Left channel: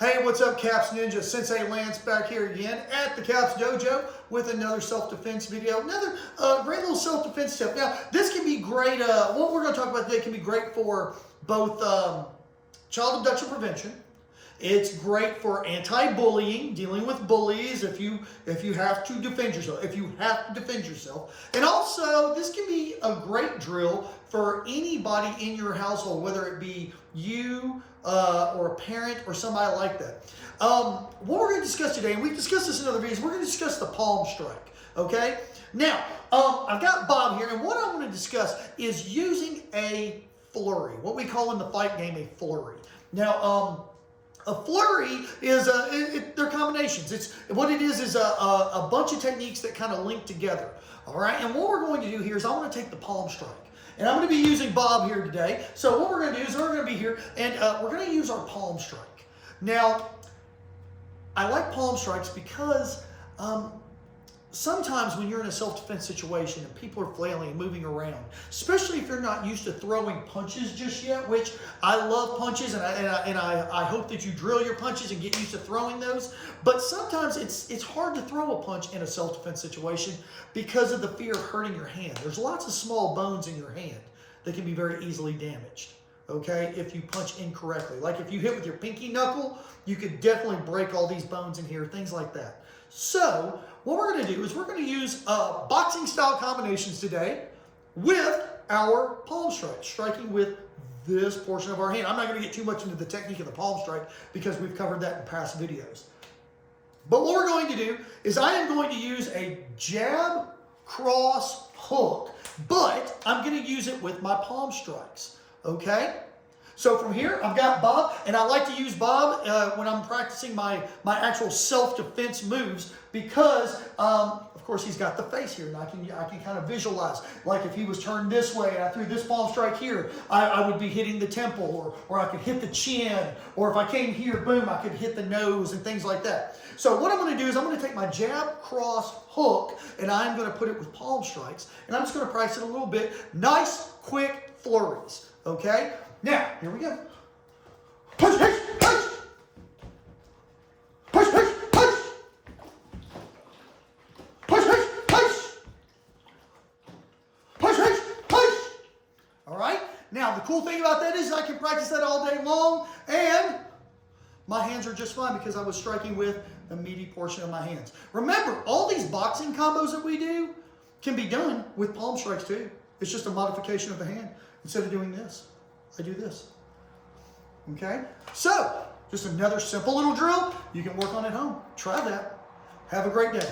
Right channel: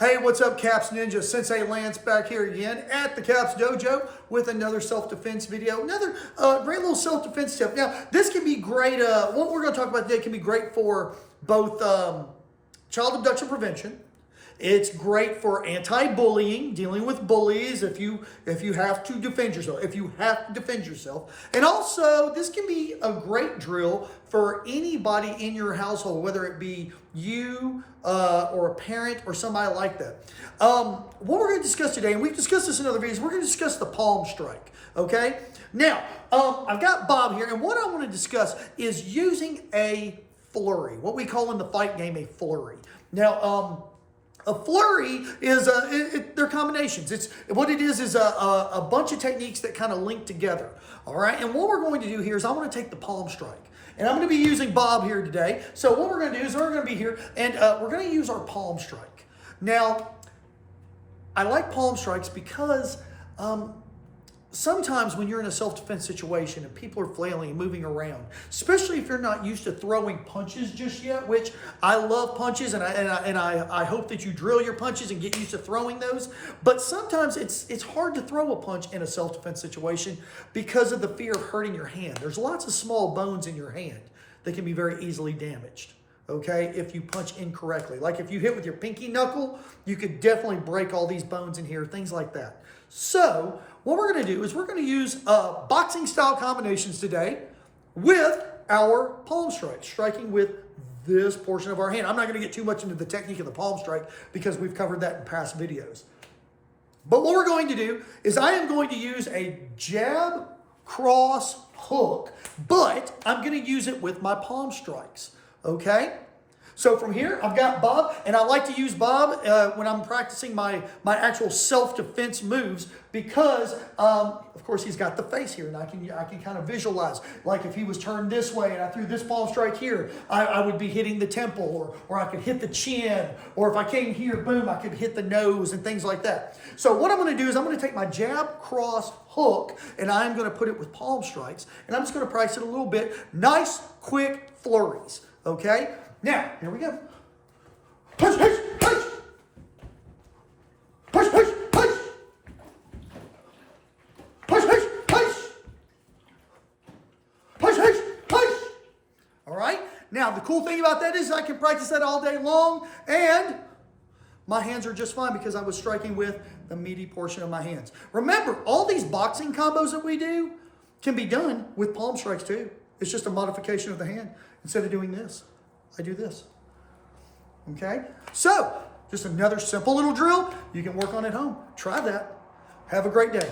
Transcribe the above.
Hey, what's up, Caps Ninja? Sensei Lance back here again at the Caps Dojo with another self-defense video. Another great little self-defense tip. Now, this can be great. What we're going to talk about today can be great for both child abduction prevention. It's great for anti-bullying, dealing with bullies if you have to defend yourself. And also, this can be a great drill for anybody in your household, whether it be you or a parent or somebody like that. What we're going to discuss today, and we've discussed this in other videos, we're going to discuss the palm strike. Okay? Now, I've got Bob here, and what I want to discuss is using a flurry, what we call in the fight game a flurry. Now, a flurry is they're combinations. It's what it is a bunch of techniques that kind of link together. All right, and what we're going to do here is I'm going to take the palm strike, and I'm going to be using Bob here today. So what we're going to do is we're going to be here, and we're going to use our palm strike. Now, I like palm strikes because sometimes when you're in a self-defense situation and people are flailing and moving around, especially if you're not used to throwing punches just yet, which I love punches, and I hope that you drill your punches and get used to throwing those. But sometimes it's hard to throw a punch in a self-defense situation because of the fear of hurting your hand. There's lots of small bones in your hand that can be very easily damaged, okay, if you punch incorrectly. Like if you hit with your pinky knuckle, you could definitely break all these bones in here, things like that. So what we're going to do is we're going to use boxing style combinations today with our palm strike, striking with this portion of our hand. I'm not going to get too much into the technique of the palm strike because we've covered that in past videos. But what we're going to do is I am going to use a jab, cross, hook, but I'm going to use it with my palm strikes, okay? So from here, I've got Bob, and I like to use Bob when I'm practicing my actual self-defense moves because, of course, he's got the face here, and I can kind of visualize. Like if he was turned this way and I threw this palm strike here, I would be hitting the temple, or I could hit the chin, or if I came here, boom, I could hit the nose and things like that. So what I'm going to do is I'm going to take my jab, cross, hook, and I'm going to put it with palm strikes, and I'm just going to practice it a little bit. Nice, quick flurries, okay? Now, here we go. Push, push, push. Push, push, push. Push, push, push. Push, push, push. All right? Now, the cool thing about that is I can practice that all day long, and my hands are just fine because I was striking with the meaty portion of my hands. Remember, all these boxing combos that we do can be done with palm strikes too. It's just a modification of the hand. Instead of doing this, I do this, okay? So, just another simple little drill you can work on at home. Try that. Have a great day.